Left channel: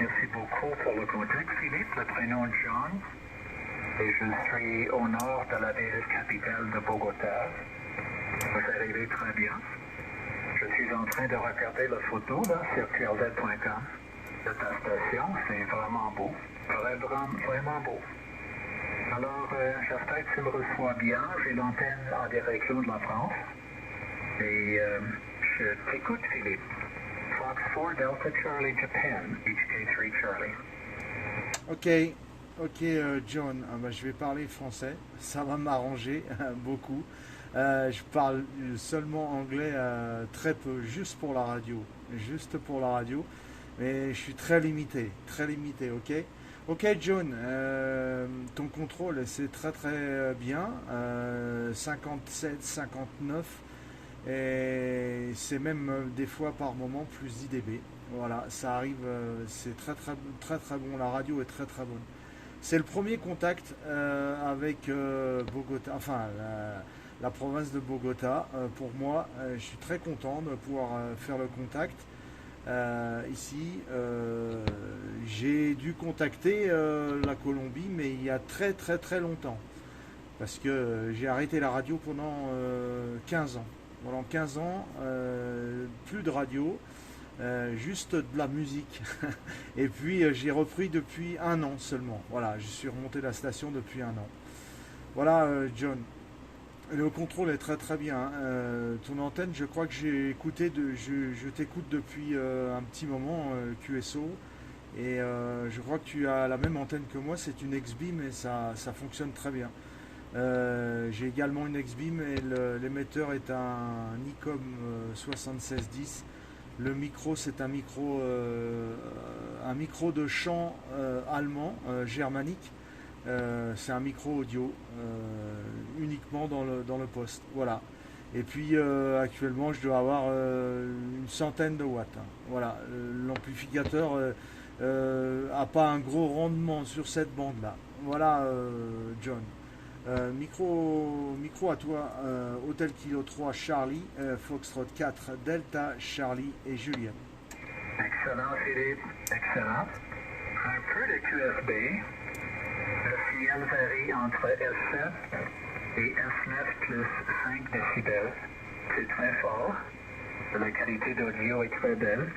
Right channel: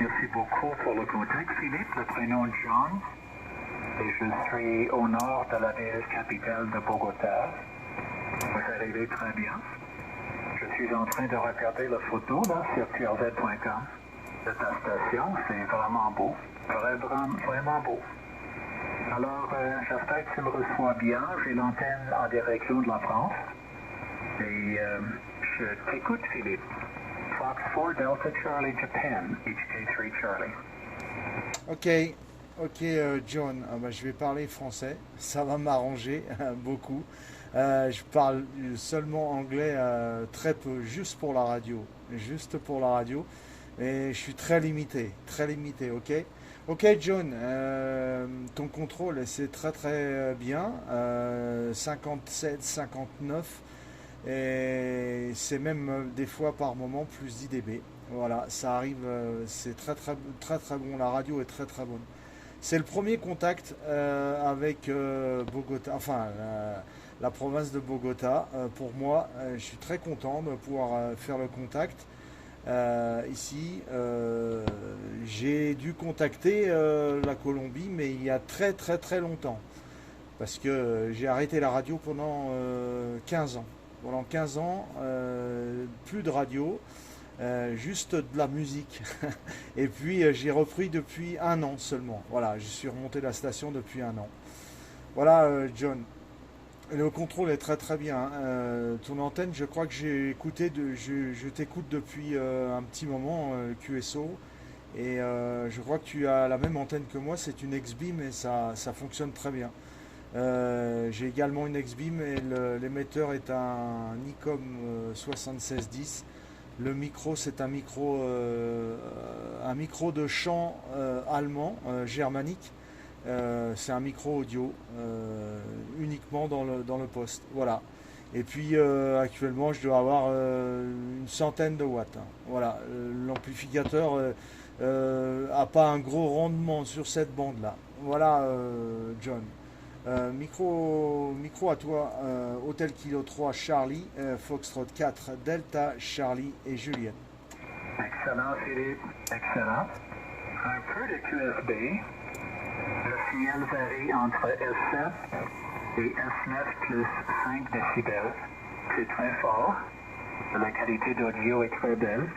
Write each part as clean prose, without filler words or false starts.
Merci beaucoup pour le contact, Philippe. Le prénom est John. Et je suis au nord de la ville capitale de Bogota. Vous arrivez très bien. Je suis en train de regarder la photo là, sur qlz.com de ta station. C'est vraiment beau. Vraiment beau. Alors, j'espère que tu me reçois bien. J'ai l'antenne en direction de la France. Et je t'écoute, Philippe. Fox 4 Delta Charlie Japan, HK3 Charlie. Ok, John, je vais parler français, ça va m'arranger beaucoup. Je parle seulement anglais très peu, juste pour la radio, mais je suis très limité, ok? Ok, John, ton contrôle, c'est très très bien, 57, 59, et c'est même des fois par moment plus 10 dB. Voilà, ça arrive, c'est très très très très bon, la radio est très très bonne. C'est le premier contact avec Bogota, enfin la province de Bogota. Pour moi, je suis très content de pouvoir faire le contact ici. J'ai dû contacter la Colombie, mais il y a très très très longtemps, parce que j'ai arrêté la radio pendant 15 ans. Pendant 15 ans, plus de radio. Juste de la musique. Et puis j'ai repris depuis un an seulement. Voilà, je suis remonté la station depuis un an. Voilà, John. Le contrôle est très très bien. Ton antenne, je crois que j'ai écouté, je t'écoute depuis un petit moment, QSO. Et je crois que tu as la même antenne que moi. C'est une X-Beam et ça fonctionne très bien. J'ai également une X-Beam et l'émetteur est un Nikon 7610. Le micro, c'est un micro de chant allemand, germanique. C'est un micro audio uniquement dans le poste. Voilà. Et puis actuellement, je dois avoir une centaine de watts. Hein. Voilà. L'amplificateur a pas un gros rendement sur cette bande-là. Voilà, John. Micro à toi, Hôtel Kilo 3 Charlie, Foxtrot 4 Delta Charlie et Juliette. Excellent, Philippe, excellent. Un peu de QSB. Le signal varie entre S7 et S9 plus 5 décibels. C'est très fort. La qualité d'audio est très belle.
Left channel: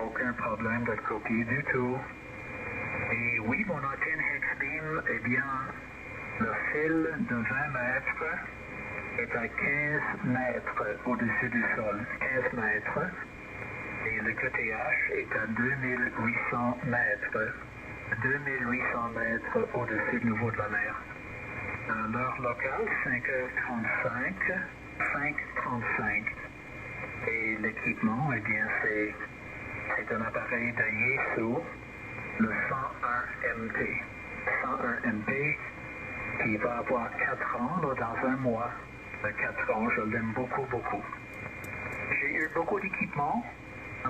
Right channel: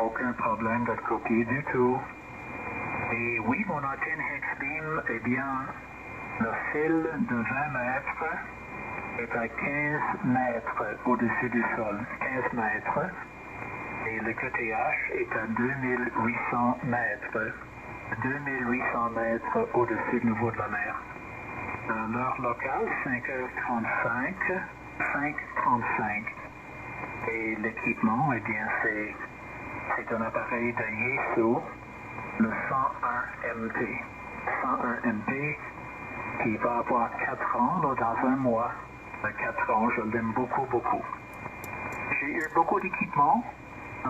Aucun problème de copie du tout. Et oui, mon antenne X-Beam, eh bien, le fil de 20 mètres est à 15 mètres au-dessus du sol. 15 mètres. Et le QTH est à 2800 mètres. 2800 mètres au-dessus du niveau de la mer. L'heure locale, 5h35. 5h35. Et l'équipement, eh bien, c'est un appareil de Yaesu, le 101MT. 101MT qui va avoir 4 ans dans un mois. 4 ans, je l'aime beaucoup, beaucoup. J'ai eu beaucoup d'équipements,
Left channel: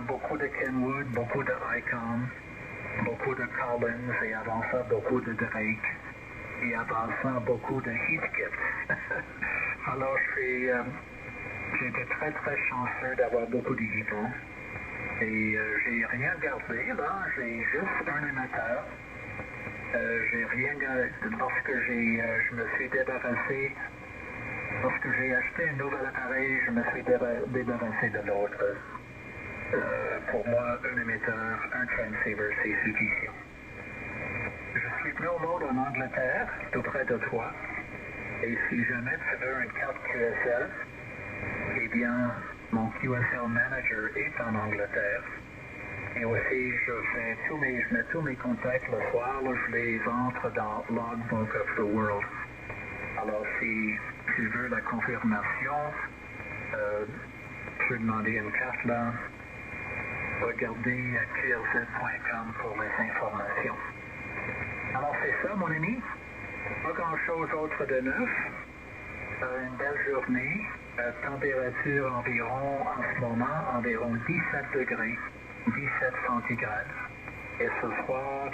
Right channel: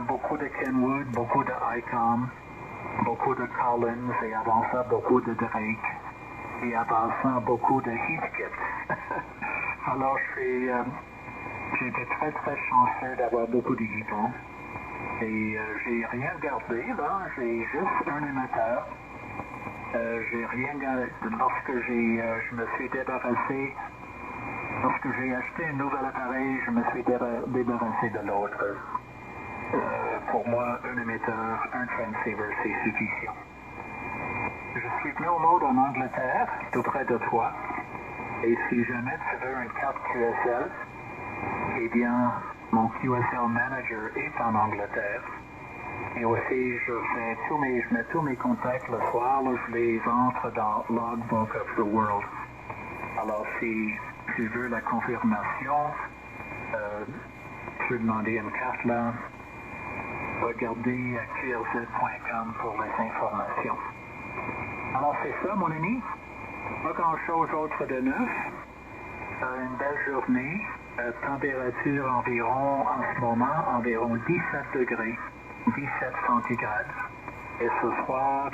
beaucoup de Kenwood, beaucoup de ICOM, beaucoup de Collins, et avant ça, beaucoup de Drake, et avant ça, beaucoup de Heathkit. Alors, j'ai été très, très chanceux d'avoir beaucoup d'équipements. Et j'ai rien gardé, là, j'ai juste un émetteur. J'ai rien gardé. Lorsque je me suis débarrassé, lorsque j'ai acheté un nouvel appareil, je me suis débarrassé de l'autre. Pour moi, un émetteur, un transceiver, c'est suffisant. Je suis venu au mode en Angleterre, tout près de toi. Et si jamais tu veux une carte QSL, eh bien, mon QSL Manager est en Angleterre. Et aussi, je mets tous mes contacts le soir, là, je les entre dans Logbook of the World. Alors, si tu veux la confirmation, je vais demander une carte là. Regardez qlz.com pour les informations. Alors, c'est ça, mon ami. Pas grand-chose autre de neuf. Une belle journée. Température environ, en ce moment, environ 17 degrés. 17 centigrades. Et ce soir,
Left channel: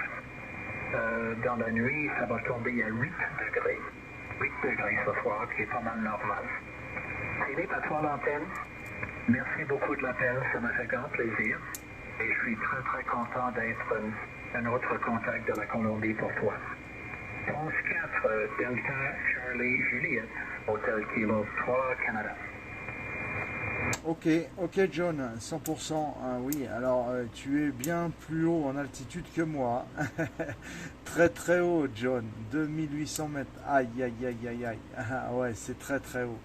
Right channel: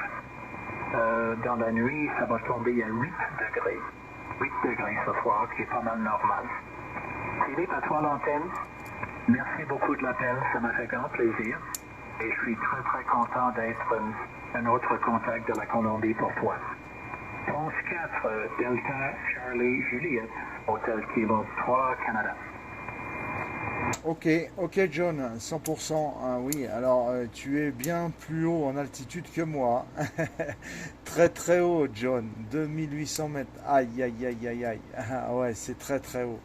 dans la nuit, ça va tomber à 8 degrés. 8 degrés ce soir, qui est pas mal normal. Philippe, à toi l'antenne. Merci beaucoup de l'appel, ça m'a fait grand plaisir. Et je suis très très content d'être un autre contact de la Colombie pour toi. France 4, Delta Charlie Juliette, Hôtel Kilo 3, Canada. Ok, ok John, 100%, hein, oui, alors tu es bien plus haut en altitude que moi. Très très haut John, 2800 mètres, aïe aïe aïe aïe aïe, ah, ouais c'est très très haut.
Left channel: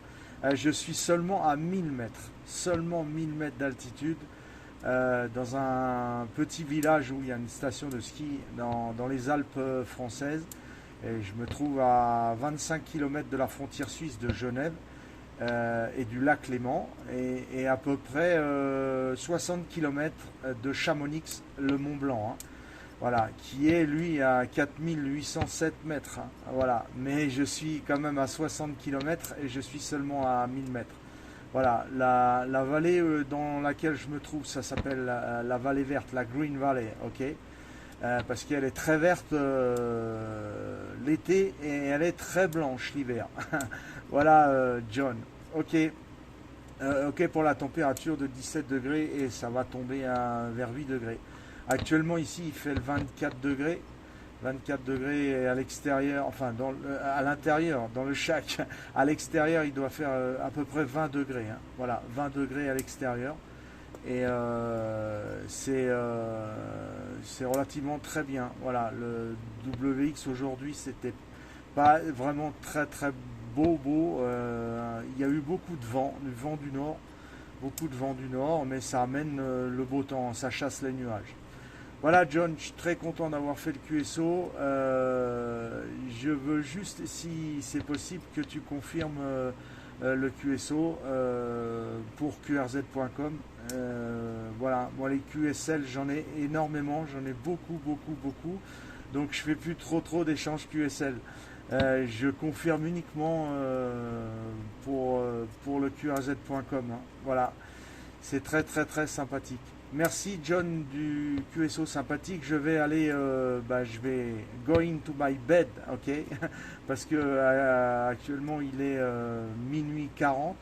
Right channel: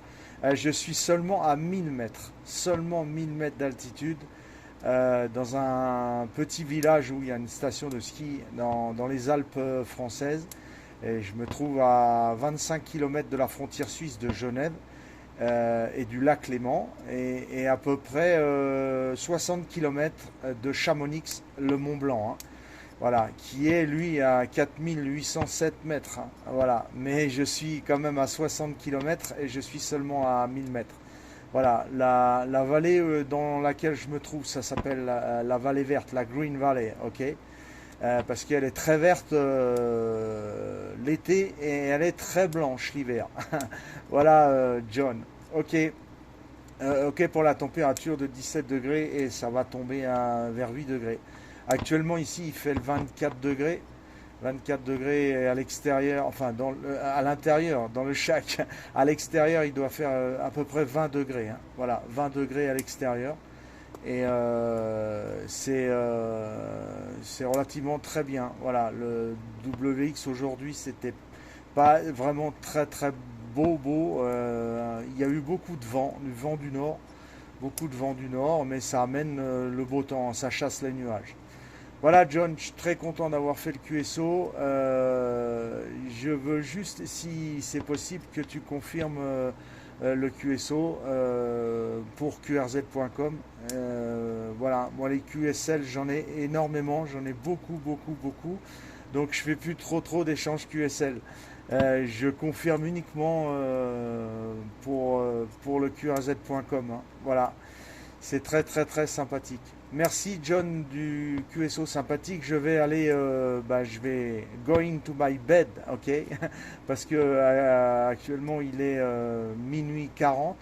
Je suis seulement à 1000 mètres, seulement 1000 mètres d'altitude, dans un petit village où il y a une station de ski dans les Alpes françaises. Et je me trouve à 25 km de la frontière suisse de Genève. Et du lac Léman et à peu près 60 km de Chamonix, le Mont Blanc, hein, voilà, qui est lui à 4807 mètres, hein, voilà, mais je suis quand même à 60 km et je suis seulement à 1000 mètres. Voilà, la vallée dans laquelle je me trouve, ça s'appelle la vallée verte, la Green Valley, ok, parce qu'elle est très verte l'été et elle est très blanche l'hiver. Voilà, John. Ok. Ok pour la température de 17 degrés et ça va tomber vers 8 degrés. Actuellement ici il fait le 24 degrés. 24 degrés à l'extérieur, enfin à l'intérieur, dans le shack. À l'extérieur il doit faire à peu près 20 degrés, hein. Voilà, 20 degrés à l'extérieur. Et c'est relativement très bien. Voilà, le WX aujourd'hui c'était pas vraiment très très beau. Il y a eu beaucoup de vent, du vent du nord, beaucoup de vent du nord, mais ça amène le beau temps, ça chasse les nuages. Voilà John, je suis très content d'avoir fait le QSO. Je veux juste, si c'est possible, que tu confirmes le QSO pour qrz.com. Voilà, moi les QSL j'en ai énormément, j'en ai beaucoup. Donc je fais plus trop d'échanges QSL. Je confirme uniquement pour le qrz.com, hein. Voilà, c'est très sympathique. Merci John du QSO sympathique. Je vais aller, je vais going to my bed, ok, parce que actuellement il est minuit 40,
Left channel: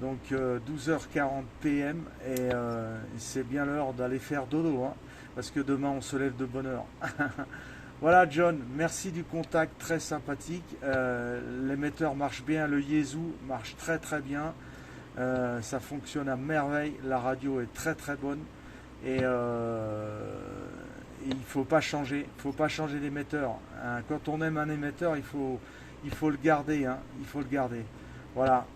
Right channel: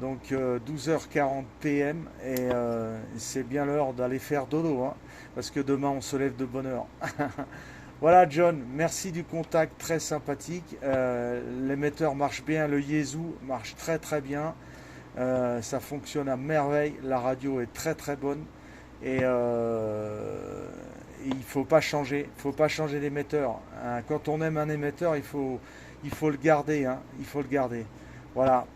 donc 12h40 PM et c'est bien l'heure d'aller faire dodo, hein, parce que demain on se lève de bonne heure. Voilà John, merci du contact très sympathique. L'émetteur marche bien, le Yezu marche très bien. Ça fonctionne à merveille, la radio est très bonne et il faut pas changer d'émetteur, hein. Quand on aime un émetteur, il faut le garder, hein, il faut le garder. Voilà.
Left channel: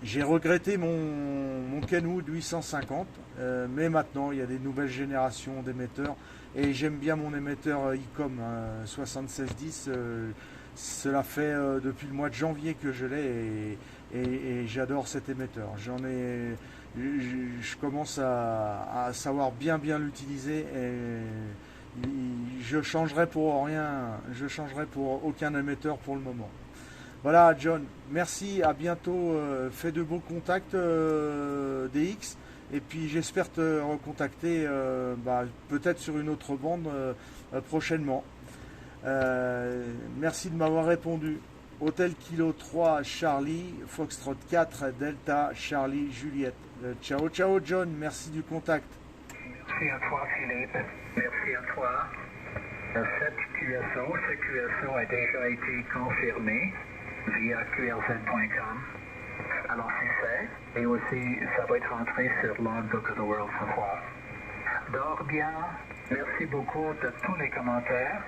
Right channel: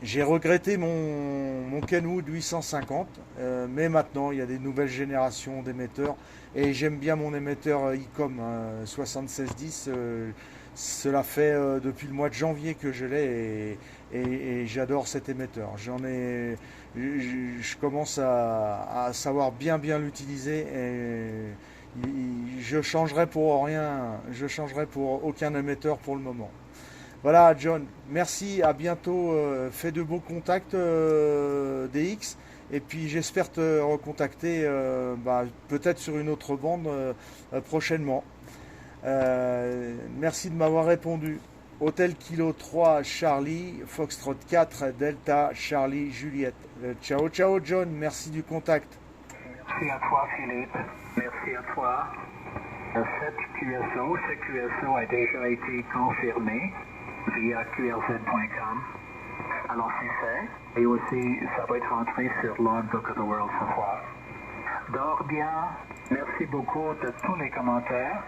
J'ai regretté mon Kenwood 850, mais maintenant il y a des nouvelles générations d'émetteurs et j'aime bien mon émetteur ICOM 7610. Cela fait depuis le mois de janvier que je l'ai et j'adore cet émetteur. Je commence à savoir bien l'utiliser et je changerai pour rien, je changerai pour aucun émetteur pour le moment. Voilà John, merci, à bientôt, fais de beaux contacts DX et puis j'espère te recontacter peut-être sur une autre bande prochainement. Merci de m'avoir répondu. Hôtel Kilo 3 Charlie, Foxtrot 4 Delta Charlie Juliette. Ciao John, merci du contact. Merci à toi Philippe, merci à toi. Ce QSO a déjà été confirmé via qrz.com. Alors c'est fait. Et aussi ça va être rentré sur Logbook of the World ce soir. Dors bien, merci beaucoup de tous les commentaires.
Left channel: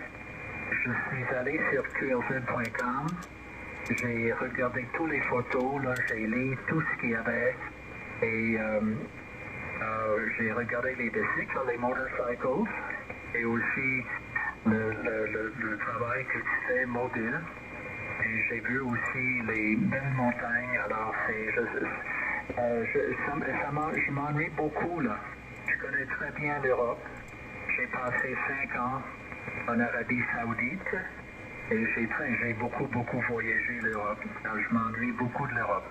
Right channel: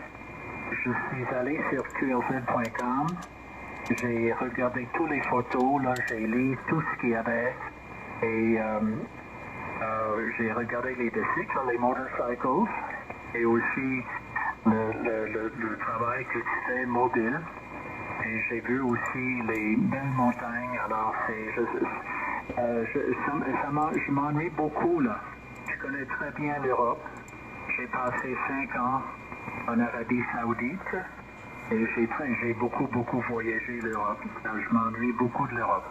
Je suis allé sur qrz.com. J'ai regardé toutes les photos, là, j'ai lu tout ce qu'il y avait et j'ai regardé les bicycles, les motorcycles et aussi le travail que tu fais mobile. Et j'ai vu aussi les belles montagnes, alors je m'ennuie beaucoup là. Je connais très bien l'Europe. J'ai passé 5 ans en Arabie Saoudite. Et j'ai beaucoup voyagé l'Europe. Je m'ennuie beaucoup de l'Europe.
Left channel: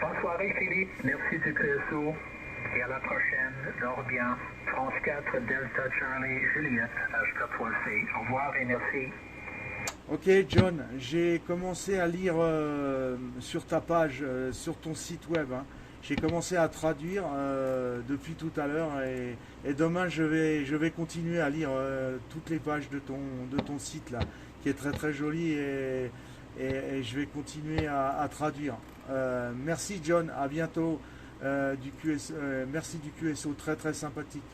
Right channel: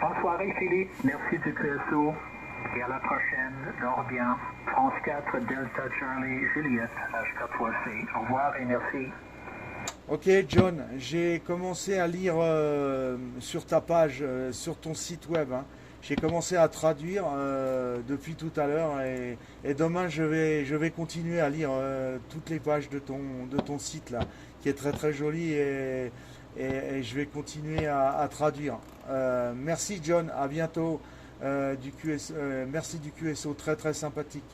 Bonne soirée Philippe, merci du QSO. Et à la prochaine, dors bien. France 4, Delta Charlie, Juliette, HK3C. Au revoir et merci. Ok John, j'ai commencé à lire sur ta page, sur ton site web, hein. j'ai commencé à traduire depuis tout à l'heure et demain je vais continuer à lire toutes les pages de ton site là, qui est très très joli et je vais continuer à traduire. Merci John, à bientôt merci du QSO, très très sympathique.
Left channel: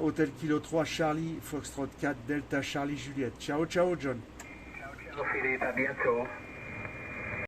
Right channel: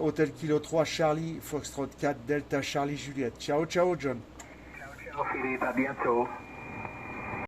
Hôtel Kilo 3, Charlie, Foxtrot 4, Delta Charlie Juliette. Ciao ciao John. Ciao, ciao Philippe, à bientôt.